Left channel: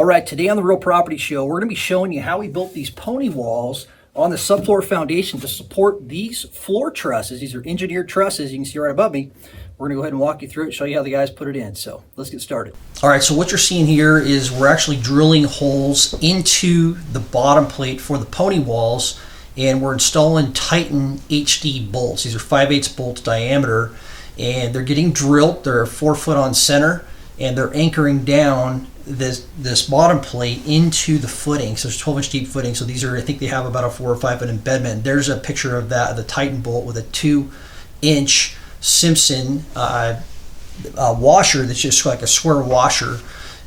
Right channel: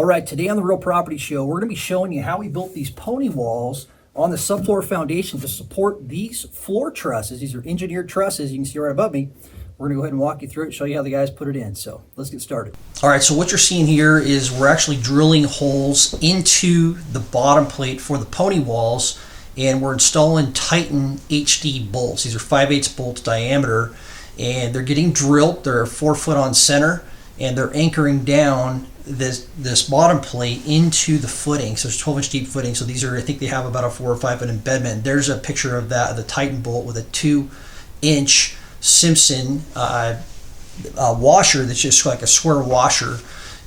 All right, today on the Real Property Show, we're going to be showing you how we built these pony walls on the subfloor foundation to support these floor trusses. These are engineered trusses. You can see right above me. We're going to go ahead and walk you through it, show you how the guys put it in. So let's get started. All right, so what you're seeing here is we're actually drilling holes into the bottom plate for the pony walls, and we're installing Titan HD bolts. These are 5/8 bolts diameter, and they're getting drilled. They're 4 foot on center, and they're anchoring down this bottom plate into the footing. So it's 12-inch deep footing. So these are, I think they have about a 4 or 5 foot embedment. There's a picture of that, of the Titan bolt with a 2-inch Simpson washer that's just like a square washer.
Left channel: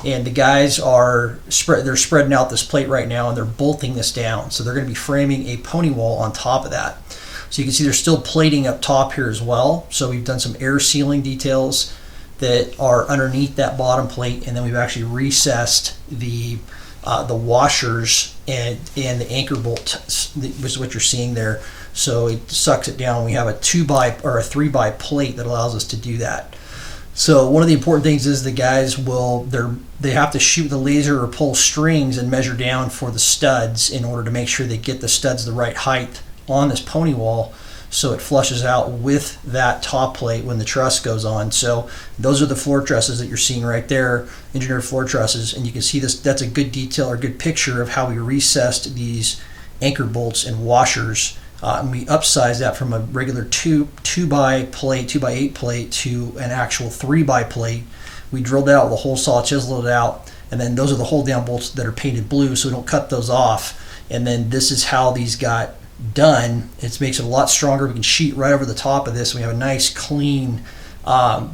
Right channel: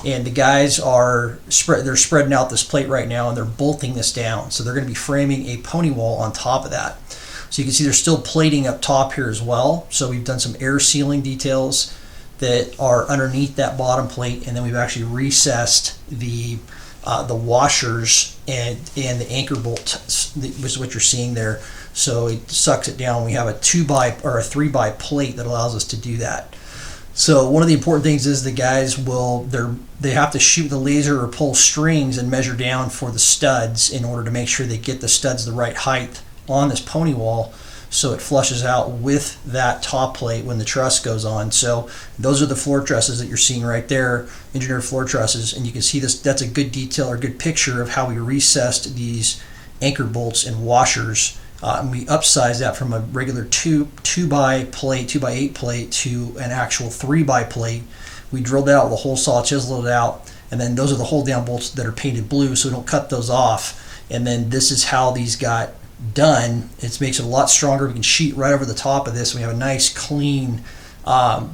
And the guys are they're spreading out this plate right now, and they're bolting this down. So they're going to be framing a pony wall on top of that. So you can see there's still plating up top here as well. So we've done some air sealing details that are underneath that bottom plate, and then we've actually recessed the washers and the anchor bolt, which is what you're seeing there. So it sucks it down. We have a 2x or a 3x plate that allows us to do that. So one of the important things is the guys they have to shoot the laser or pull strings and measure down for the studs in order to make sure they get the studs the right height on this pony wall, so it flushes out with that top plate when the truss goes on. So those are the floor trusses that you're seeing right there, engineered floor trusses, and you can see this. That's a good detail or good picture of how we recessed these anchor bolts and washers. And we upsized that from a regular 2x plate, 2x8 plate, to an actual 3x plate. We drilled it out with a hole saw, chiseled it out, and then those are the hold down bolts that are painted blue, so we don't cut those off. And then this is how these got done. It makes it a lot stronger. We can sheet right over the top of this. We have a nice clean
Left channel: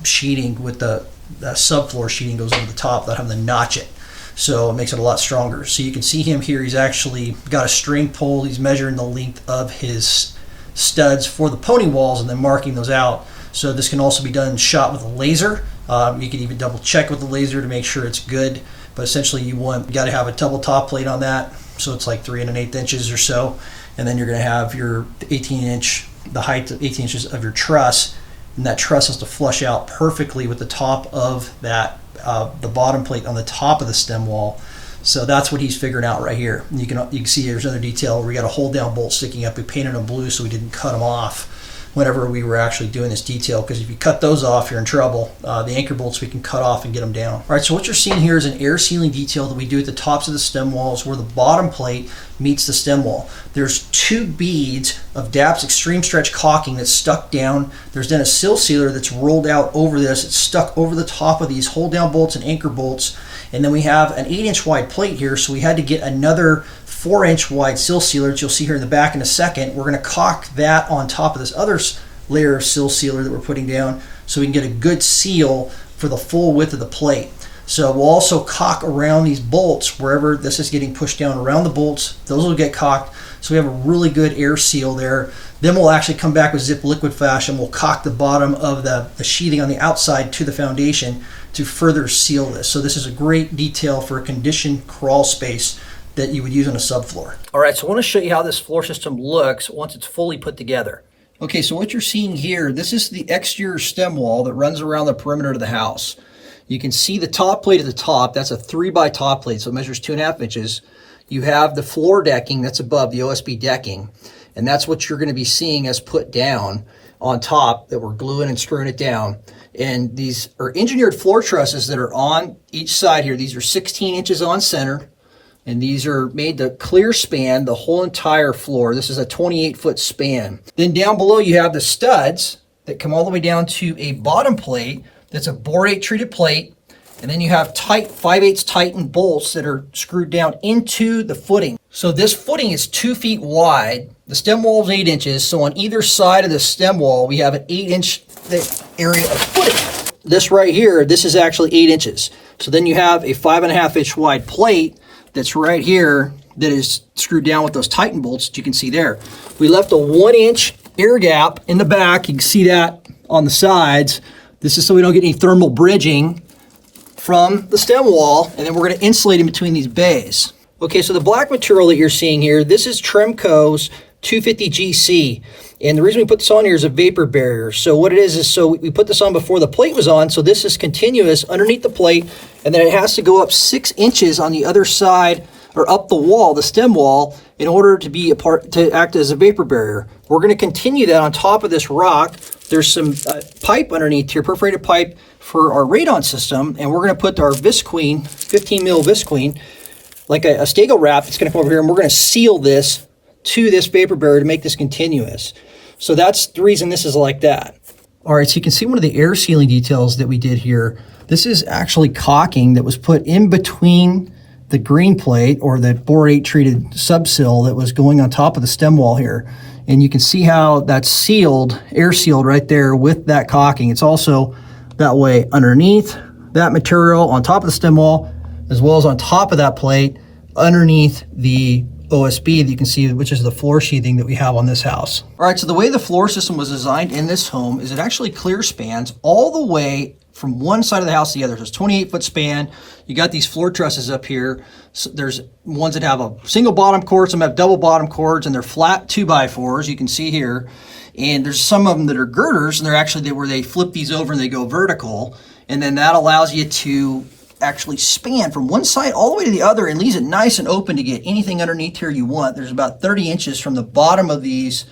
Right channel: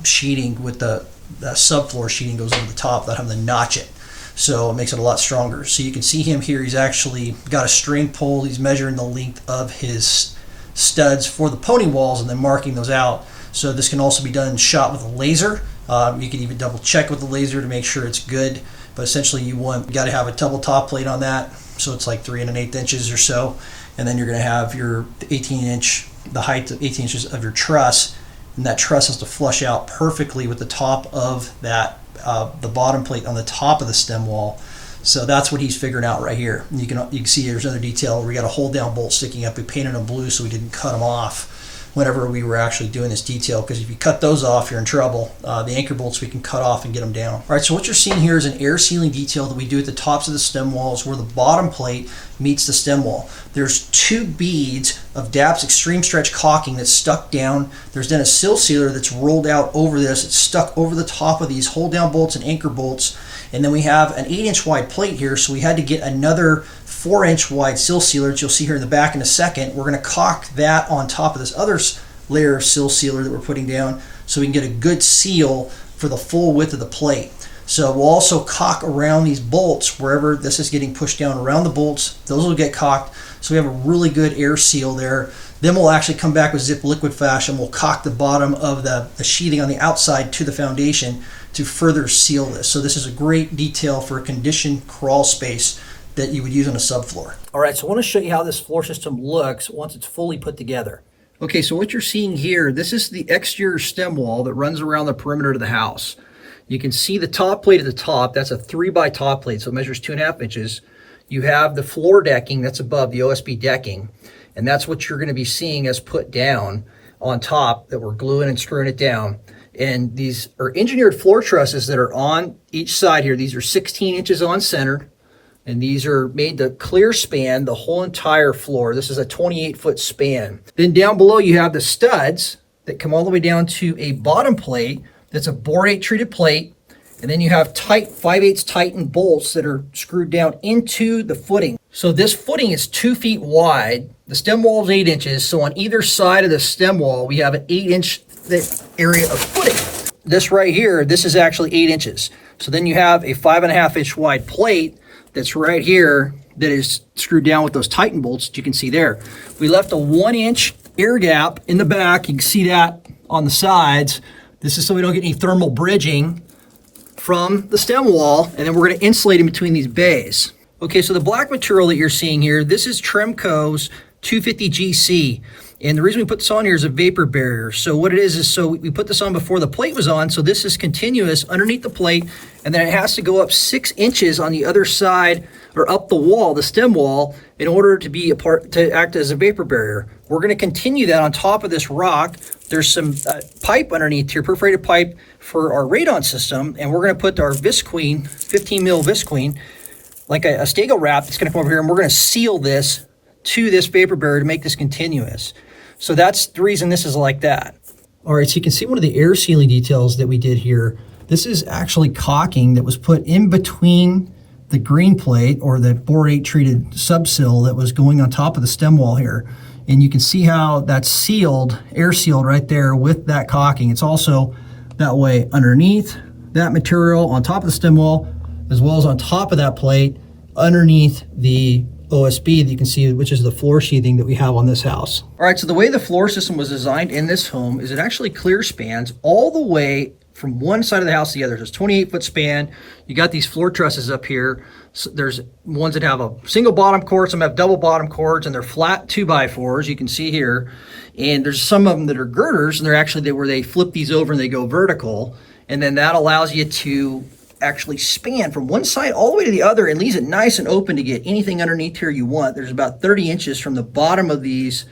sheeting with the subfloor sheeting goes over the top without having to notch it. So it makes it a lot stronger. So you can see him here. He's actually got a string pull. He's measuring the length of his studs for the pony walls and then marking those out. So this can also be shot with a laser. You can even double check with the laser to make sure it's good. But essentially you got to have a double top plate on that. So it's like 3 1/8 inches or so. And then you're going to have your 18-inch, the height of 18 inches of your truss, and that truss has to flush out perfectly with the top of that, the bottom plate on the top of the stem wall. So that's what he's figuring out right here. And you can see there's another detail where we got a hold down bolt sticking up. We painted them blue so we didn't cut them off whenever we were actually doing this detail, because if you cut those off, you're in trouble. The anchor bolts we can cut off and get them down. All right, so what you're seeing here is an air sealing detail that we do at the tops of the stem walls where the bottom plate meets the stem wall. There's 2 beads of DAP's extreme stretch caulking that's stuck down. There's then a sill sealer that's rolled out over this. It's stuck over the top of these hold down bolts and anchor bolts. And then we have an 8-inch wide plate here, so we had to get another 4-inch wide sill sealer that you'll see here in the back in a second. We're going to caulk that on top of this other layer of sill sealer that we're putting down so we can get a good seal for the full width of the plate. So we'll also caulk around these bolts wherever this is getting pushed down around the bolts. Those will get caulked, so we have a really good air seal there. Then we'll actually come back with zip liquid fashion. We'll caulk the bottom of the sheathing on the outside to the foundation to further seal this. So this is a great detail for a conditioned crawl space that you would use on a subfloor. All right, so I want to show you how this floor system looks once it's fully put together. Okay, so what you're seeing here, this is the exterior stem wall that runs around the perimeter of the house. You can see the top plate at the top. That's a 3x top plate, so it measures 2.5 inches. You have the floor decking that's above, the OSB decking, and that's what you're going to be seeing us put down on top that we're gluing and screwing it down. And these are engineered floor trusses that are on each side here. These are 16 inches on center, and these are made to clear span the whole entire floor. This is a 28-foot span. Then down below you have the studs that come all the way down to a bottom plate that's a borate treated plate, and then you have 5/8 Titan bolts that are screwed down into the footing. So this footing is 2 feet wide. The stem wall is 8 inches, so on either side of the stem wall we have an 8-inch thick area of footing. This right here, this is actually 8 inches. So then you have a 5.5-inch wide plate that's right here that is screwed down with those Titan bolts that you can see there. We left a 1-inch air gap in the back. You can see that on the sides. This is so we don't get any thermal bridging from the stem wall, and then we're going to insulate in between these bays. Okay, so the black material that you're seeing here, this is Tremco's 250 GC. And the reason we put this on here is a vapor barrier. So what it is so we put this on before the plate was on, so this is continuous underneath the plate, and then it has to go up 6 inches on the other side, or up the wall, the stem wall, in order to be to act as a vapor barrier. We're going to continue that on top of this rock. There's some pipe underneath here, perforated pipe for our radon system, and we're going to put our Visqueen, 15 mil Visqueen, like a stego wrap. It's going to come over here, and we're going to seal this to this vapor barrier to make this continuous. So that's the reason this is like that. All right, so you can see one of the air sealing details that we did here. This is actually caulking that was put in between the green plate, or the borate treated subsill that was going on top of the stem wall here. And you can see how that's sealed, air sealed right there with that caulking. It's also that way underneath that material on top of the stem wall, as well as on top of that plate underneath the OSB that you can see, which is the floor sheathing that we have on this house. All right, so the way the floor system was designed in this home is it actually clear spans all the way from one side of the house to the other. There's a 28-foot span. You got these floor trusses up here. So there's ones that have a single bottom cord, some have double bottom cords, and they're flat 2x4s, you can see here. And there's some of them that are girders, and they're actually where they flip these over and they go vertical. And then that allows you to actually span from one side all the way to the other and leaves it nice and open to get anything underneath here you want. There's about 30 inches from the bottom of these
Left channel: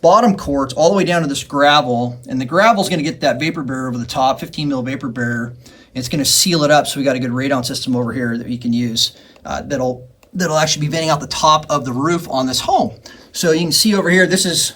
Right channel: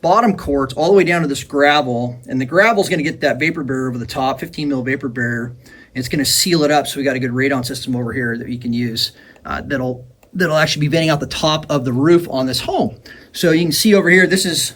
bottom cords all the way down to this gravel, and the gravel is going to get that vapor barrier over the top, 15 mil vapor barrier, and it's going to seal it up. So we got a good radon system over here that you can use that'll actually be venting out the top of the roof on this home. So you can see over here, this is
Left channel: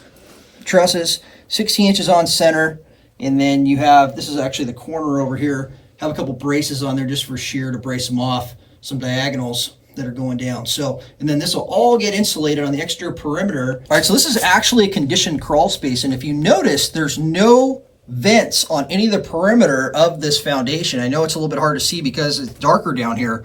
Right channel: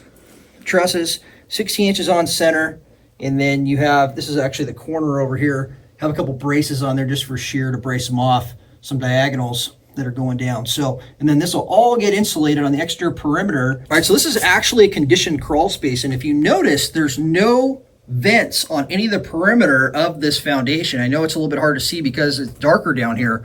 trusses, 16 inches on center, and then you have, this is actually the corner over here, have a couple braces on there just for shear to brace them off, some diagonals that are going down. So, and then this will all get insulated on the exterior perimeter. All right, so this is actually a conditioned crawl space. And if you notice, there's no vents on any of the perimeter of this foundation. I know it's a little bit hard to see because it's darker down here,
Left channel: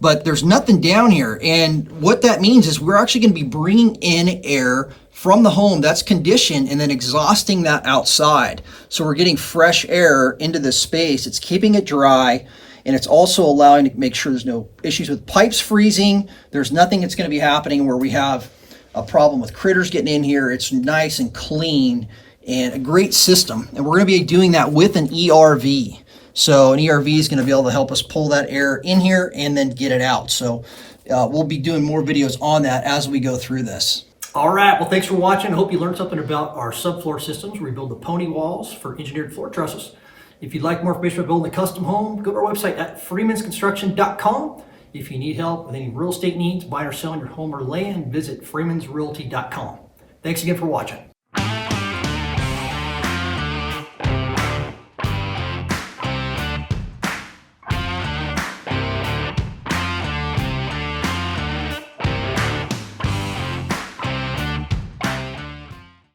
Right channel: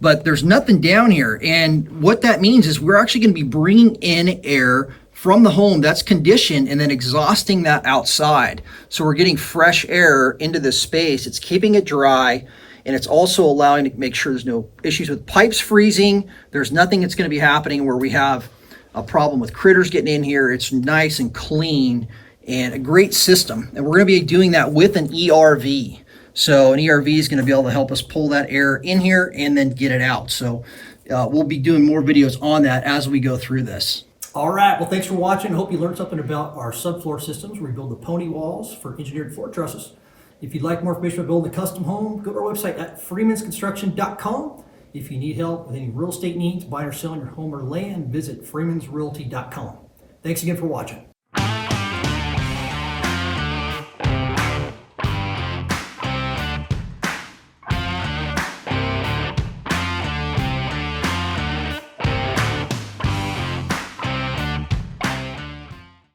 but there's nothing down here. And what that means is we're actually going to be bringing in air from the home that's conditioned and then exhausting that outside. So we're getting fresh air into this space. It's keeping it dry, and it's also allowing to make sure there's no issues with pipes freezing. There's nothing that's going to be happening where we have a problem with critters getting in here. It's nice and clean and a great system. And we're going to be doing that with an ERV. So an ERV is going to be able to help us pull that air in here and then get it out. So we'll be doing more videos on that as we go through this. All right, well, thanks for watching. I hope you learned something about our subfloor systems. We build the pony walls for engineered floor trusses. If you'd like more information about building a custom home, go to our website at freemansconstruction.com. If you need help with any real estate needs, buying or selling your home or land, visit freemansrealty.com. Thanks again for watching.